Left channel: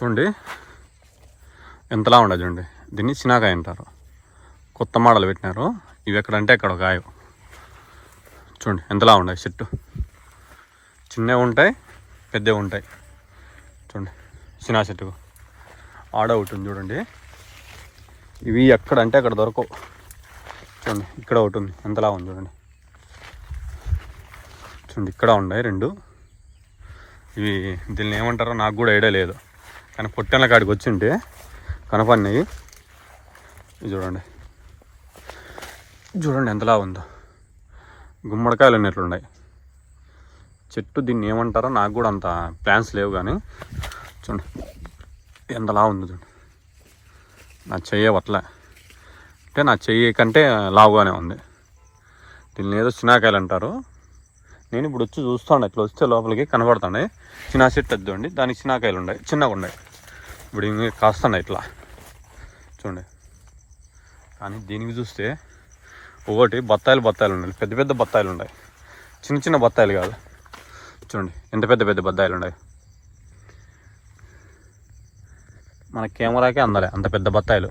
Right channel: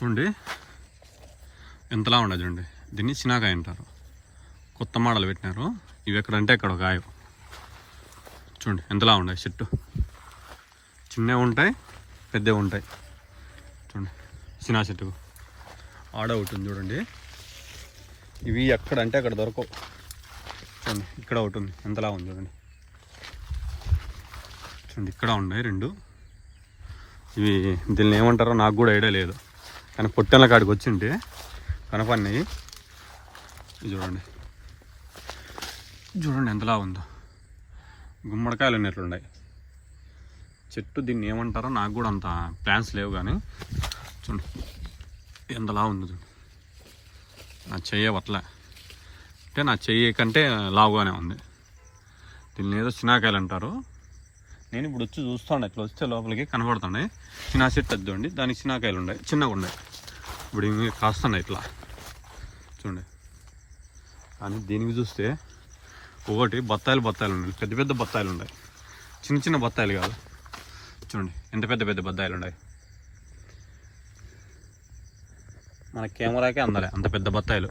చూడండి ఎంతలా ఉండదు చూడండి. దీన్ని చినాకాయ అంటారు. కొత్త మోడల్ పెట్టినారు. ఇవి ఎక్కడంటే ఎక్కడ కాయ. చూడండి ఎంతలా ఉన్నాయి. చెట్టు చిన్నవి ఉంటాయి, పెద్దవి ఉంటాయి. చూడండి చినా చెట్టుకు ఆడ ఒకటి ఉంది చూడండి. ఇవి ఎక్కడంటే అక్కడ దొరకవు. చూడండి ఇక్కడ ఒకటి ఉంది, ఎంతలా ఉంది చూడండి. చూడండి ఇక్కడ ఉన్నాయి 2. ఇవి దీన్ని ఏమంటారో నాకు కూడా ఐడియా లేదు, కానీ పొట్టెల కాడికి వచ్చింటే కనపడినాయి. ఇది చూడండి, చూడండి ఎంతలా ఉందో. గుమ్మడికాయలు ఉన్నట్లున్నాయి చెట్టు. దీన్ని ఏమంటారో నాకు కూడా అంత ప్లాన్స్ లేవు, కానీ చూడండి ఎంతలా ఉంది చూడండి. నా చెయ్యి అట్లా అంటే నా చెయ్యి కంటే లావుగానే ఉంది. దీన్ని ఏదో చినాకాయలు అంటారు. నేను ఇప్పుడు వచ్చి చూస్తాను, ఇట్లా వస్తే లోపలికి కనబడుతున్నాయి. చిన్న చెట్టు వద్దండి, దానికి చినాకాయలు ఉన్నాయి, చిన్నగా ఉన్నాయి. ఇప్పుడు ఇంక కాస్తున్నాయి ఇట్లా చూడండి. కానీ దీనికి చూస్తే ఒకటి బత్తాయిలు ఉన్నాయి, పెద్ద పెద్ద బత్తాయిలు ఉన్నాయి. చిన్న చిన్న బత్తాయిలు కాదు. చూడండి ఎంత పెద్ద పెద్ద బత్తాయిలు ఉన్నాయి. మన కెమెరాకే అందలే అంత పెద్ద బత్తాయిలు.